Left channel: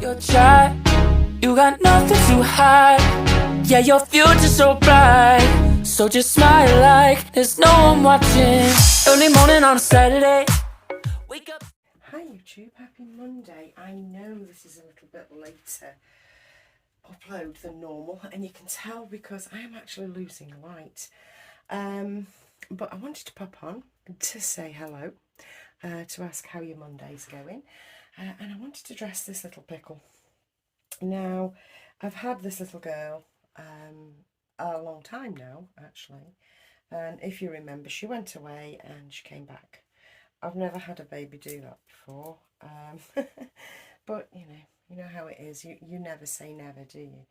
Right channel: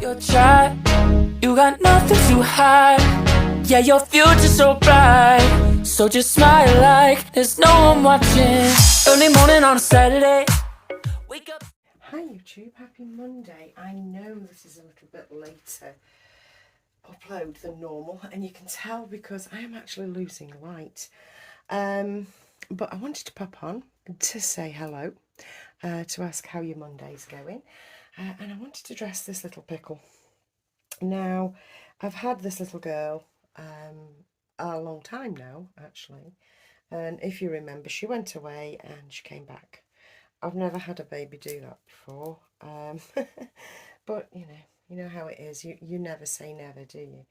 You're shy, you got nothing to hide. Yeah, your future's so bright. So just smile like there's no one watching. Early morning on a Saturday. Wake up. Hi YouTube, happy Monday. I know this is a little bit later upload than normal, and you can tell because I am actually losing light. But I wanted to pop on to say hello, to ask how your Monday's going. And I wanted to dress this little pickle. Now, I've had this little girl a long time now, actually. And if you remember, she went away and she came back. I've never had a baby do that before. But, you know how it is. You never say never, do you?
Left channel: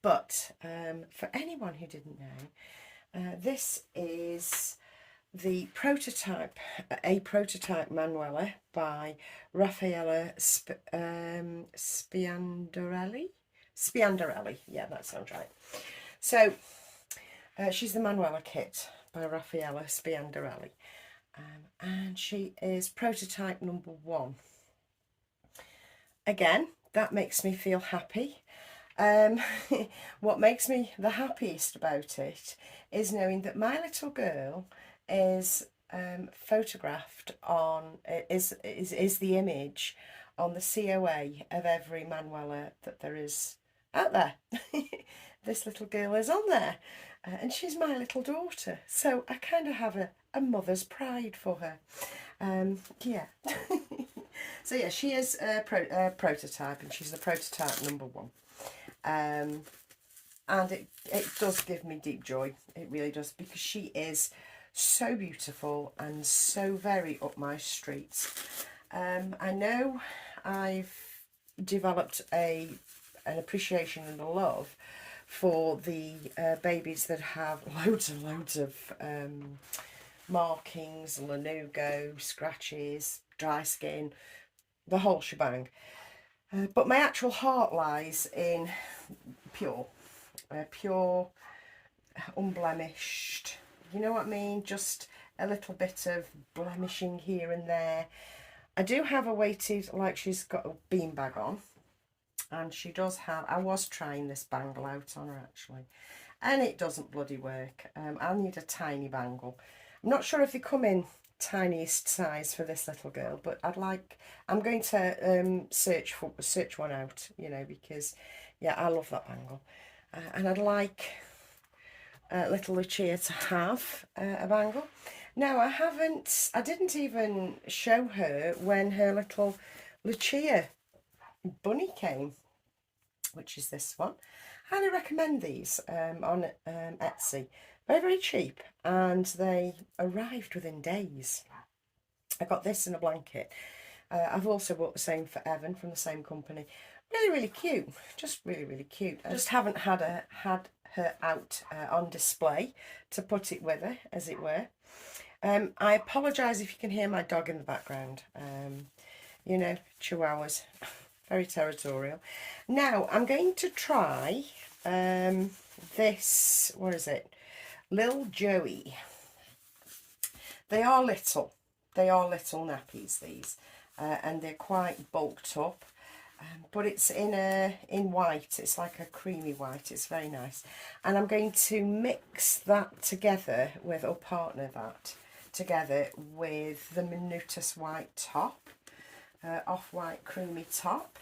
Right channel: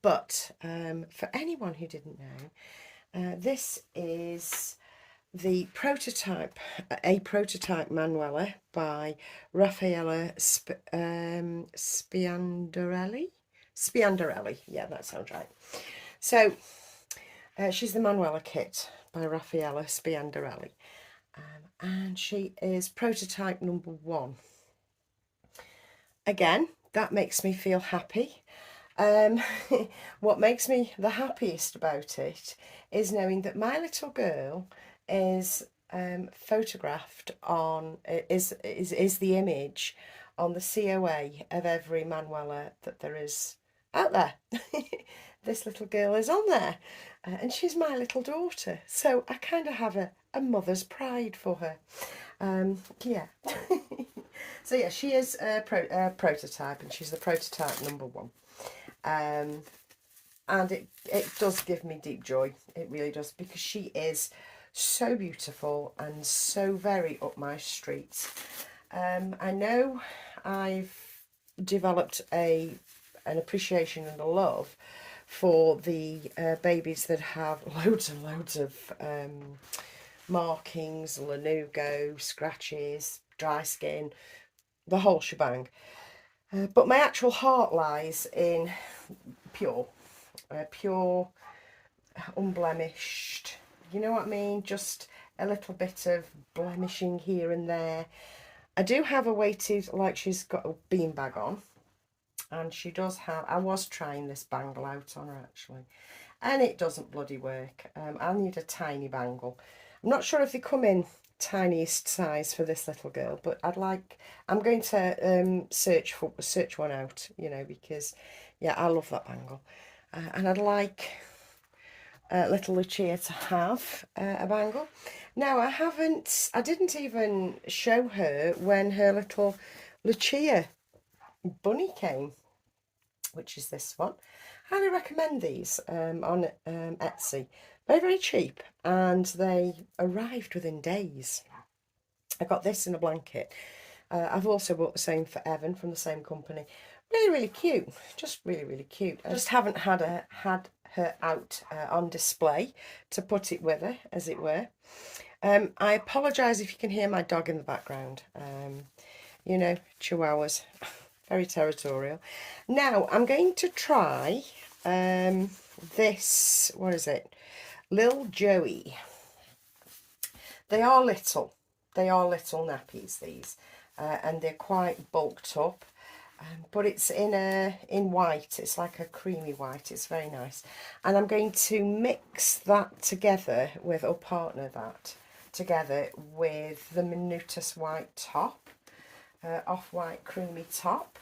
But for anyone who didn't know, this is the prototype, a prototype Manuela by Rafaela Spiandorelli. Yeah, that sounds right. So she's the Manuela kit by Rafaela Spiandorelli, and she is prototype number 1. Again, that makes me feel happy. What makes me the happiest about it is knowing that my little girl is photographed on, is the image on the COA of every Manuela that there is out there. This little girl is on there, and she's my little daughter, so I kind of have a mother's pride for her. Yeah. So yeah, she is a prototype, and she's the prototype number 1. And it does give me deep joy, it really does, because she is so beautiful and so very up my street. I know I've developed an appreciation and a love for the babies that have loads and loads of markings, lanugo, scratches, dry skin, the whole shebang. But my actual heart lies in pure, unblemished, you know what I mean? Just a little bit of blemishing here and there. I do have a weighted, like she's got a beanbag on. And she does have, I was trying this bangle out on her actually. And it doesn't bloody work. I need a tiny bangle. I'm not sure if they come in tiniest size for this little girl, but I'm going to search one out, because yeah, I love that bangle. And I'd like little Lucia to have a bangle. Now, I didn't even show her when her little Lucia bunny came, which is this one. Highly recommend these on Etsy. Very, very cheap, and they arrived within days. I got this in a blanket. I've also bought the same for Evan from the same company. Really, really cute. Just really, really cute. I just haven't had her out on display to put it with her, as it were. I apologise if you can hear my dog in the background. Chihuahuas, very territorial. Now, I'm going to try this, what is it? Lil Joey. They are little nappies, these, and they're quite bulked up. But it's in white. It's like a creamy white. It's very nice. And I'm going to mix that together with, or partner that together with the Minutus white top, off-white creamy top.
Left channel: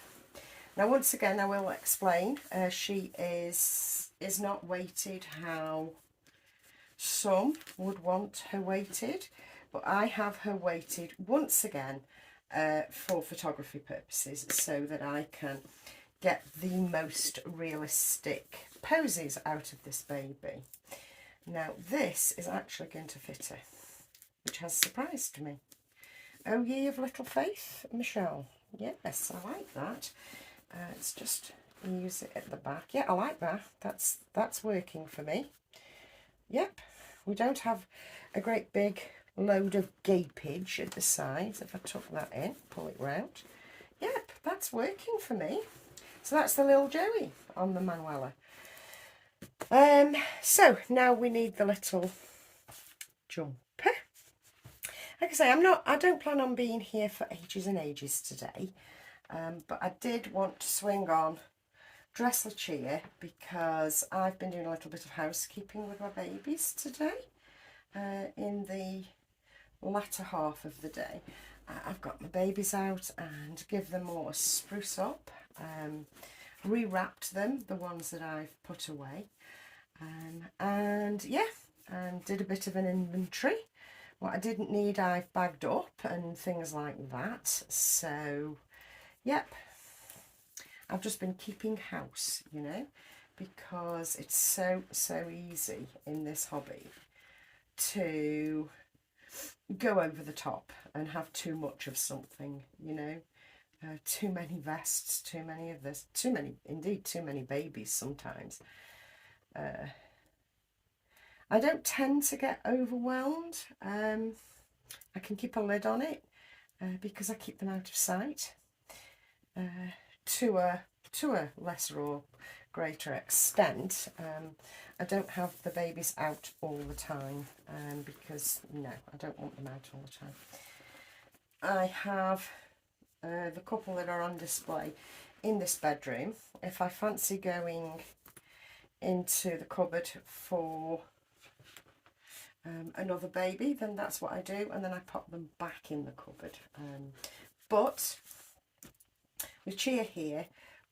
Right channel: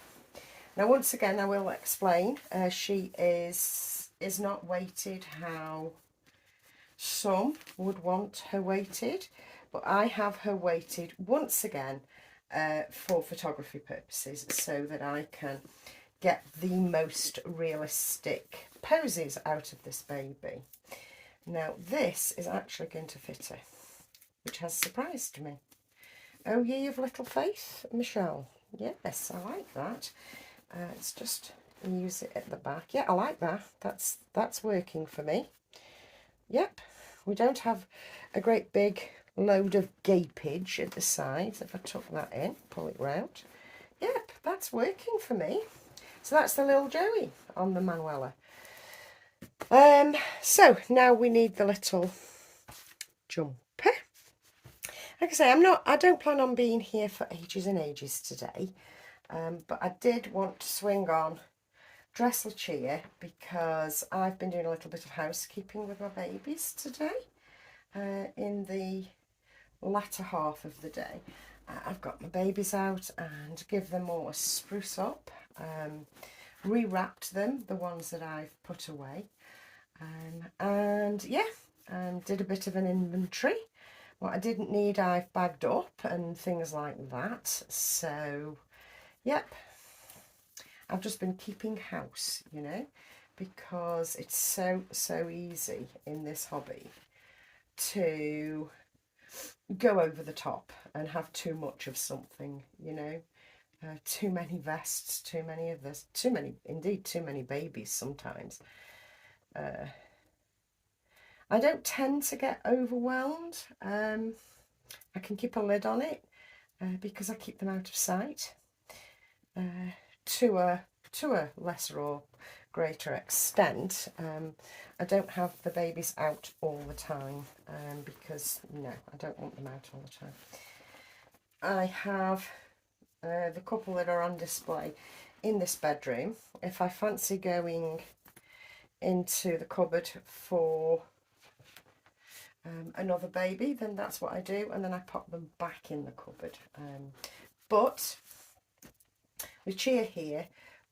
Now, once again, I will explain. She is not weighted how some would want her weighted, but I have her weighted once again for photography purposes, so that I can get the most realistic poses out of this baby. Now, this is actually going to fit her, which has surprised me. Oh, ye of little faith, Michelle. Yes, I like that. Let's just use it at the back. Yeah, I like that. That's working for me. Yep, we don't have a great big load of gapage at the sides. If I tuck that in, pull it round. Yep, that's working for me. So that's the little Joey on the Manuela. So now we need the little jumper. Like I say, I don't plan on being here for ages and ages today. But I did want to swing on Dress Lucia because I've been doing a little bit of housekeeping with my babies today in the latter half of the day. I've got my babies out and give them all a spruce up, rewrapped them, the ones that I've put away, and yeah, and did a bit of an inventory. What I didn't need I've bagged up and things like that. So yep, I've just been keeping house, you know, because it's so easy in this hobby to go over the top and have too much of something, you know. Too many vests, too many of this, too many babies sometimes. I don't tend to get overwhelmed. I can keep a lid on it because I keep them out of sight to a lesser or greater extent. I don't have the babies out all the time because, no, I don't want them out all the time. I have the couple that are on display in this bedroom. If I fancy going into the cupboard for another baby, then that's what I do, and then I pop them back in the cupboard. But Lucia here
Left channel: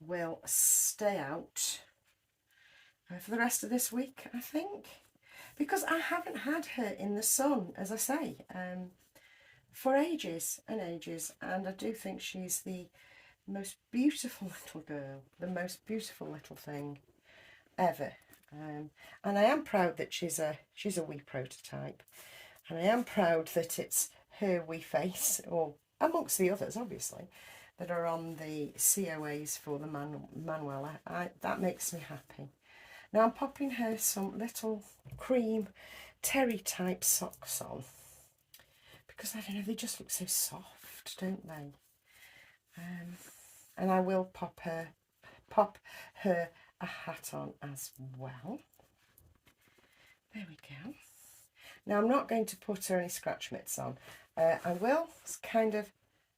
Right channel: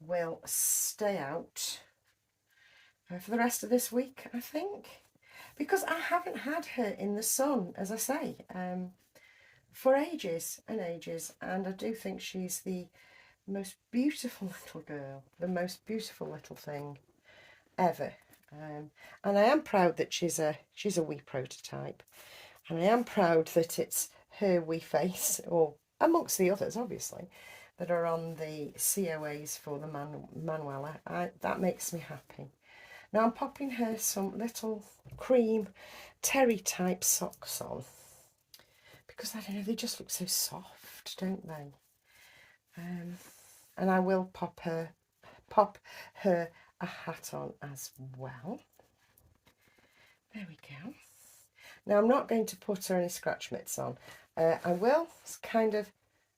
will stay out for the rest of this week, I think, because I haven't had her in the sun, as I say, for ages and ages, and I do think she's the most beautiful little girl, the most beautiful little thing ever. And I am proud that she's a wee prototype, and I am proud that it's her wee face, or amongst the others obviously, that are on the COAs for the Manuela. That makes me happy. Now I'm popping her some little cream terry type socks on because I don't know, they just look so soft, don't they? And I will pop her a hat on as well. There we go. Now I'm not going to put her any scratch mitts on. I will kind of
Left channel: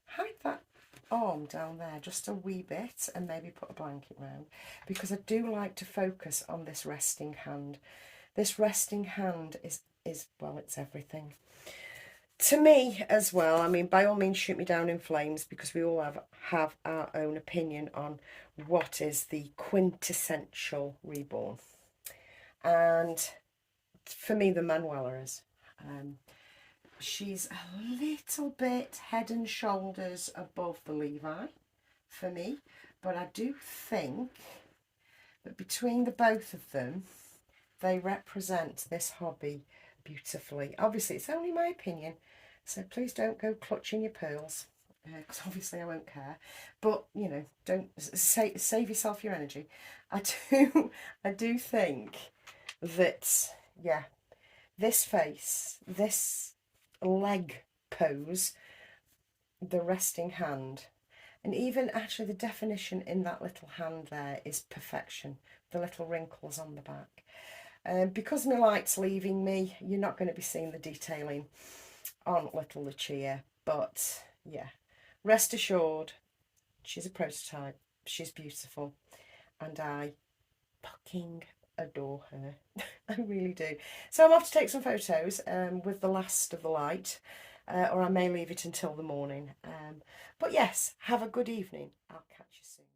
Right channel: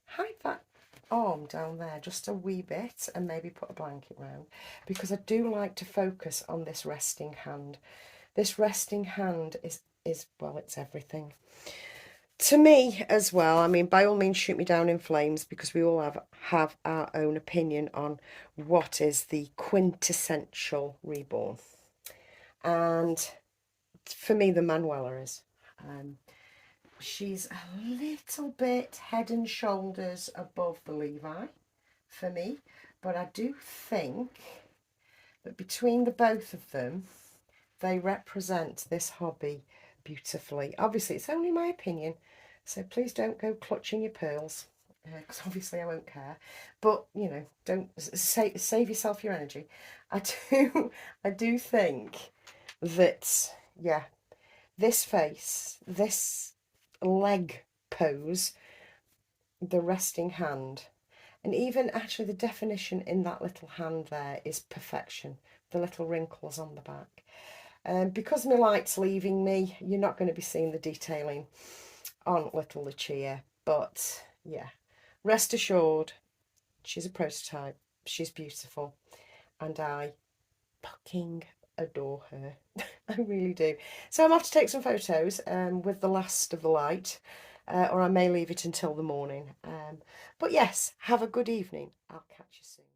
hide that arm down there just a wee bit and maybe put a blanket round, because I do like to focus on this resting hand. This resting hand is well, it's everything to me as well. I mean, by all means shoot me down in flames, because we all have our own opinion on what is the quintessential Reborn, and for me the Manuela is. She's a little bit head and shoulders above the Levi for me, but I do think that between the both of them, they represent this hobby beautifully. Obviously, it's only my opinion, so please don't go clutching your pearls, because obviously I won't care. But, you know, don't save yourself your energy. I do think that, yeah, this face, this leg pose, the resting hand, and even actually the definition in that little hand there is perfection. The little wrinkles on the back. Because my light's leaving me, you're not going to be seeing the detailing on little Lucia, but yeah, rest assured, she's a prototype, she's beautiful, and I fucking adore her. I really do. So I'm off to take some photos with the last of the light, or I may leave it until the morning. But yes, have a good evening. I'll catch you soon.